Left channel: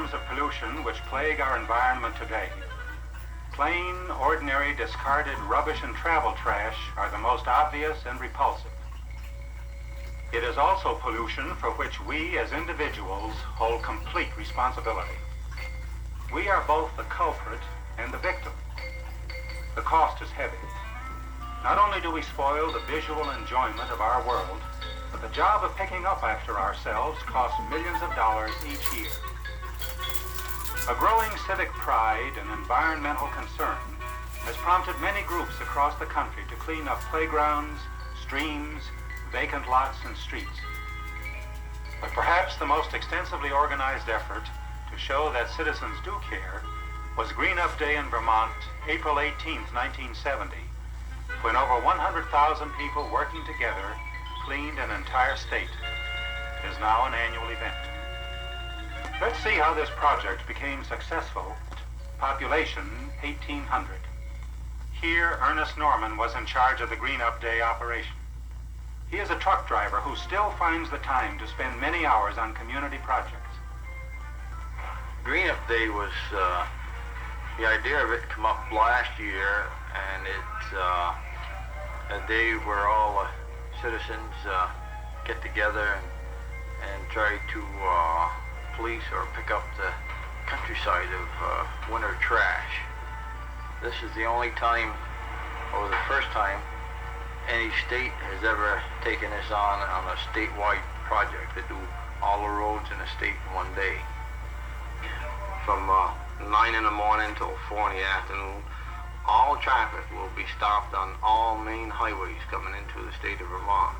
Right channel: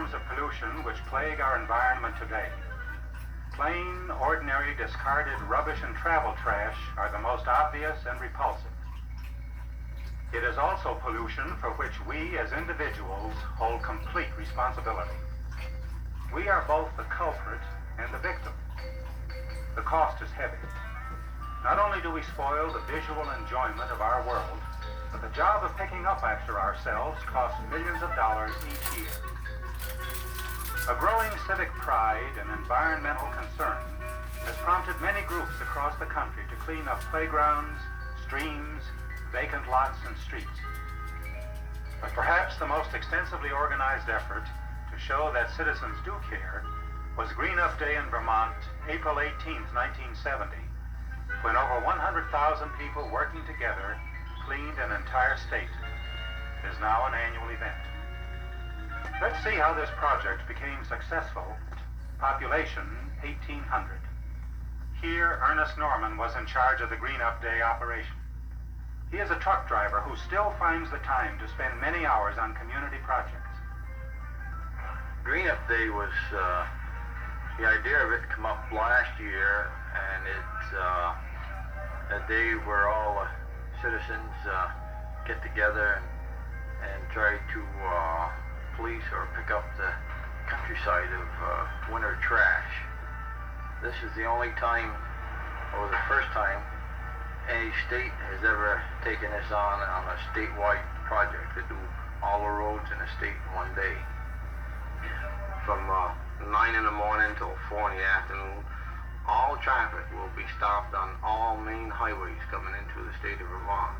forms of pollution which plague our environment today, plain, ordinary, discarded rubbish and travel trash are the most obvious and repulsive. It is also pollution for which we as individuals hold complete responsibility. We are both the culprit and the victim. The cost is heavy. Not only do we spoil the visual enjoyment of our world, but the job of picking up after ourselves costs millions of dollars each year. A growing civic pride and environmental concern has prompted many groups across the country to clean up playgrounds, streams, vacant lots, and streets. But perhaps the most extensively organized effort to show that citizens do care was Green Up Day in Vermont, April 18, 1970, when over 100,000 people working together cleaned an entire state. It is now an annual event. Let's see how this project became successful. Population 1,800. Here, Ernest Norman was in charge of the Green Up Day operation. He is a truck driver who still finds the time to spend many hours on community projects. Green Up Day was, the idea of it come up last year, and it's a day where all citizens get together and try to police or pick up the countryside of winter trash. This is the only time, or the first time, any state has ever taken this on a statewide project to do all the roads in the state in one day. From 9 in the morning till 4 in the afternoon, all traffic will be stopped on all main highways coming into the state of Vermont.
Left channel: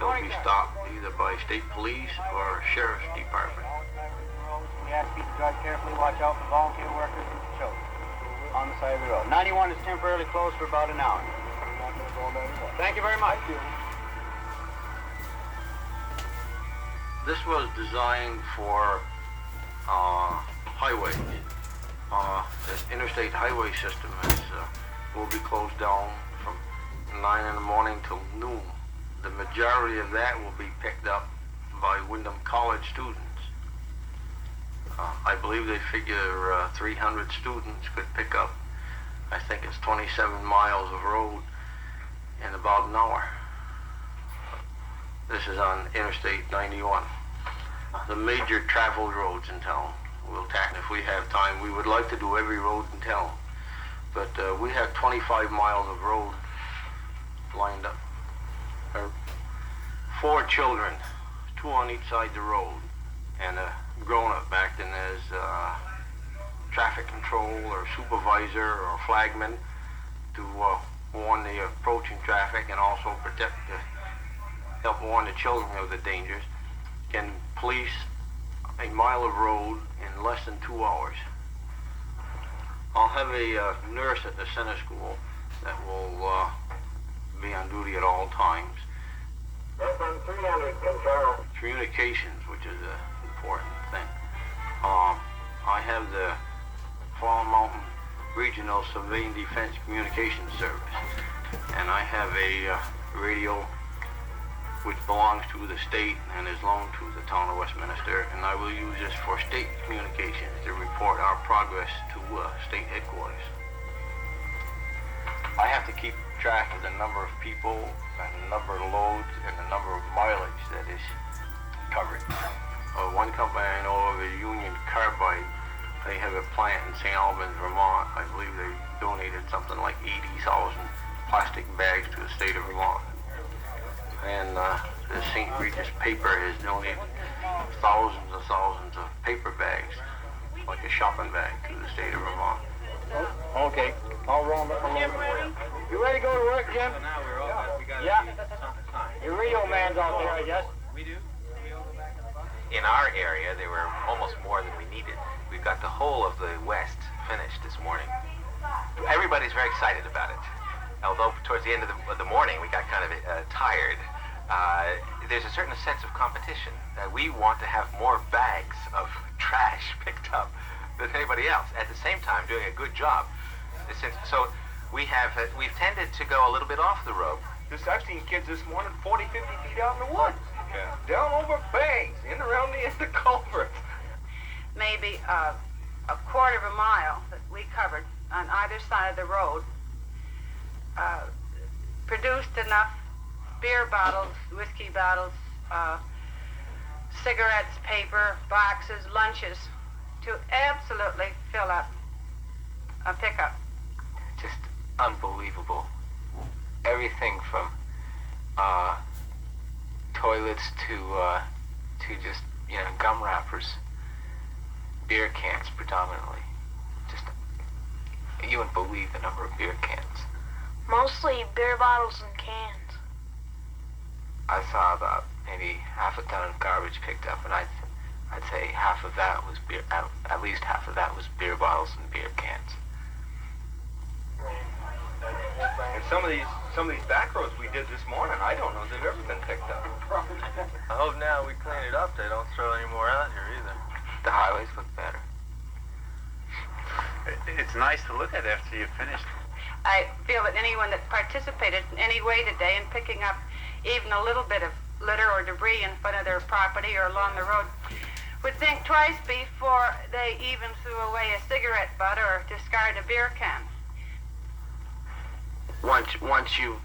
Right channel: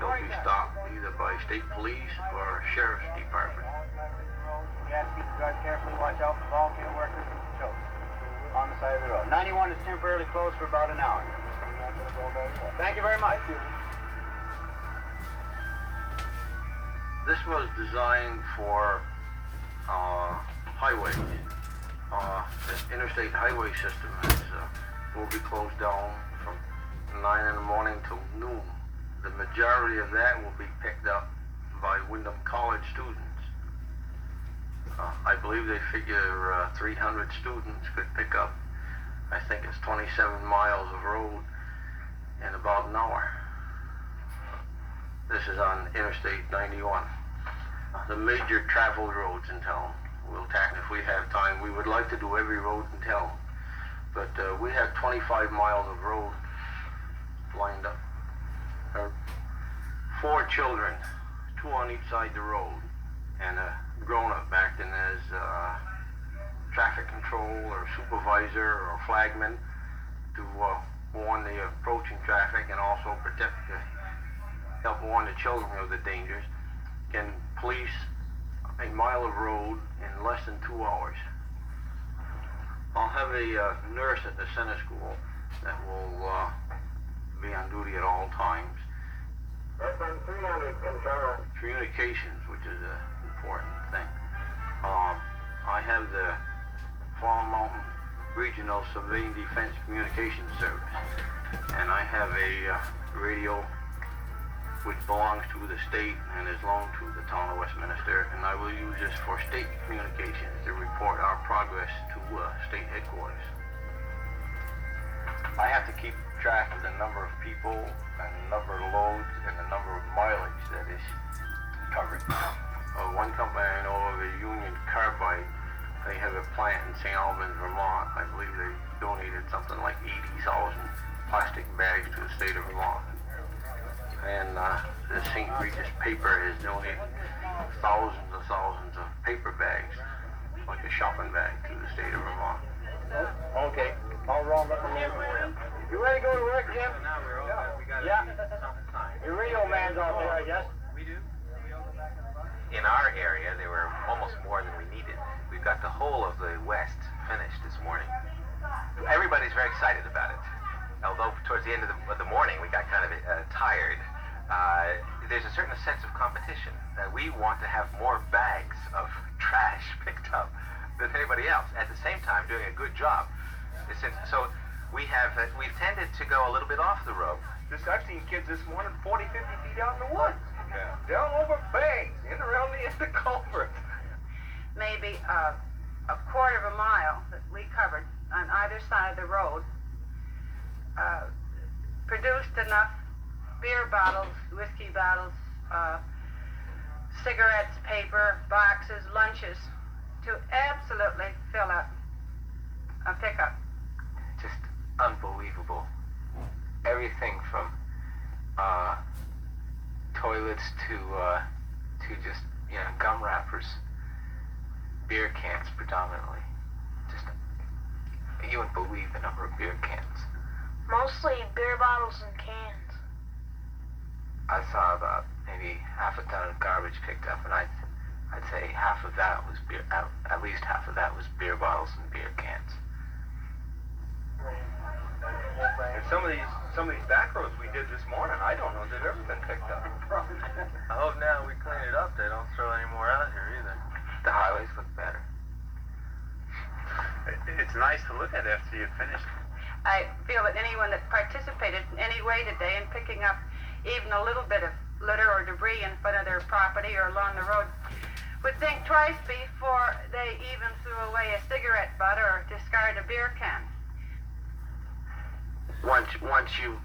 They'll be stopped either by state police or sheriff's department. We ask people to drive carefully, watch out for volunteer workers and children on the side of the road. 91 is temporarily closed for about an hour. Thank you very much. This was designed for highways. The interstate highway system will be closed down from 9 in the morning till noon. The majority of that will be picked up by Wyndham College students. I believe they figure 300 students could pick up, I think it's 27 miles of road in about an hour. This is on Interstate 91. The major traveled roads in town. We'll tackle if we have time. We would like to do every road in town, but we have 25 miles of road lined up. 4 children, 2 on each side of the road, and a grown-up acting as traffic control or supervisor or flagman to warn the approaching traffic and also help warn the children of the dangers, can police a mile of road in less than 2 hours. I'll have a nurse at the center school that will be on duty at all times. FM 300, control. Communications, which is an important thing. I have the Fall Mountain Regional Civilian Defense Communications Service, and I have a radio which belongs to the state and is loaned to the town of Westminster, and I will use this for state communications to report our progress to state headquarters. I have to keep track of the number of people and the number of loads and the number of mileage that is covered. One company I know of is Union Carbide. They have a plant in St. Albans, Vermont. I believe they donated something like 80,000 plastic bags to the state of Vermont. And the St. Regis paper has donated thousands and thousands of paper bags, like a shopping bag, to the state of Vermont. Okay, I'll roll them up a little bit. You ready to go to work, Jim? Now we're all good. We got Yeah. time. Your radio man's out there, I guess. We do. We all go back in the box. In our area, there were almost more than we needed. We've got the whole of the west finished this morning. Everybody's very excited about it. Although towards the end of the morning we got kind of tired. There's a certain sense of competition. We want to have more bags of trash picked up than anybody else. At the same time, doing a good job. So we've tended to go a little bit off the road. I've seen kids this morning 40, 50 feet out in the woods. Yeah. Down over banks, in around the end of culverts. maybe a quarter of a mile that we covered on either side of the road, produced enough beer bottles, whiskey bottles, cigarettes, paper, boxes, lunches to absolutely fill up a pickup. Just unbelievable. Everything from toilets to just, you know, gum wrappers, beer cans predominantly. Just, you wouldn't believe the number of beer cans. Mostly beer bottles and cans. I saw about maybe half a ton of garbage picked up, and I'd say half of that was beer. At least half of that was beer bottles and beer cans. And some of these back roads we did this morning, I don't know if they've ever been picked up. I hope now we clean it up, they don't throw any more out here either. The highways look better. It's nice to look at after you've finished. I feel that anyone that participated in any way today in picking up even a little bit of litter or debris in front of their property or along the road would think twice before they even threw away a cigarette butt or discarded a beer can. Once you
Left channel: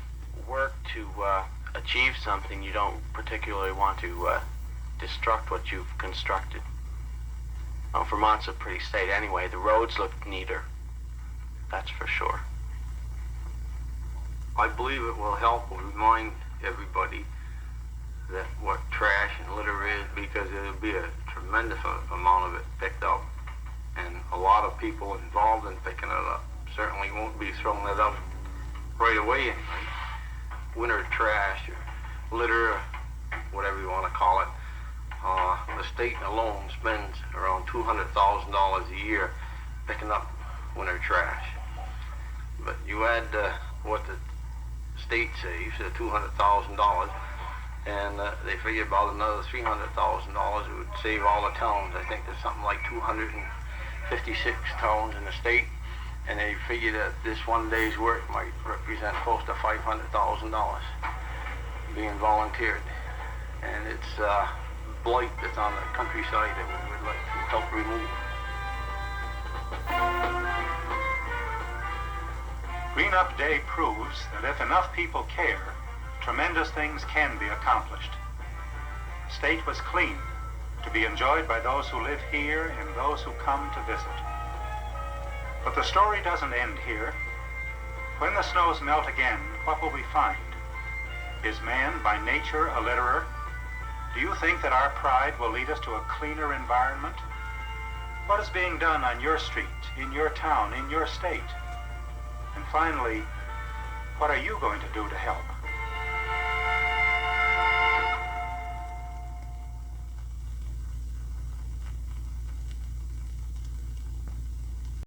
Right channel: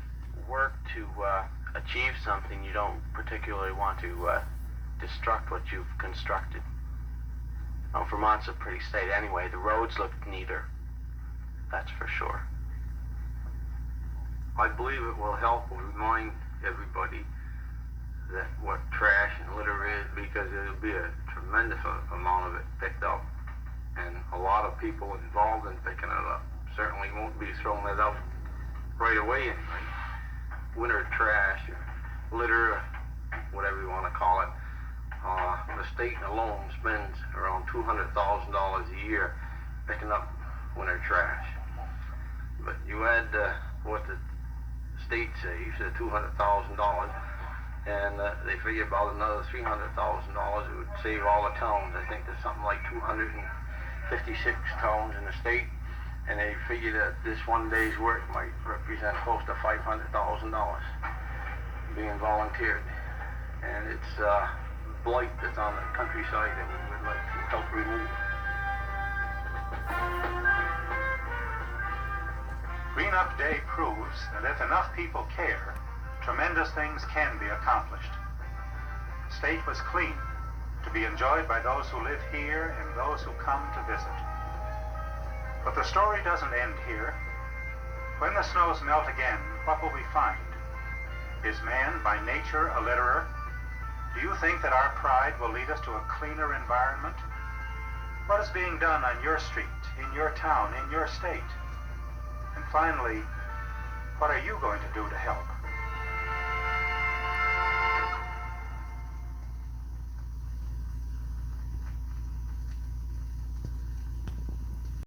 work to achieve something, you don't particularly want to destruct what you've constructed. Well, Vermont's a pretty state anyway. The roads look neater, that's for sure. I believe it will help remind everybody that what trash and litter is, because there'll be a tremendous amount of it picked up, and a lot of people involved in picking it up certainly won't be throwing it out right away anyway. Winter trash or litter, or whatever you want to call it, the state alone spends around $200,000 a year picking up winter trash. But you add what the state saves, $200,000, and they figure about another $300,000 it would save all the towns. I think there's something like 256 towns in the state, and they figure that this one day's work might represent close to $500,000 being volunteered. And it's blight that's on the countryside that we would like to help remove. Green Up Day proves that if enough people care, tremendous things can be accomplished. The state was clean, to be enjoyed by those who live here and those who come to visit. But the story doesn't end here. When the snows melt again, what will we find? Is man by nature a litterer? Do you think that our pride will lead us to a cleaner environment? What is being done on your street, in your town, in your state? And finally, what are you going to do to help?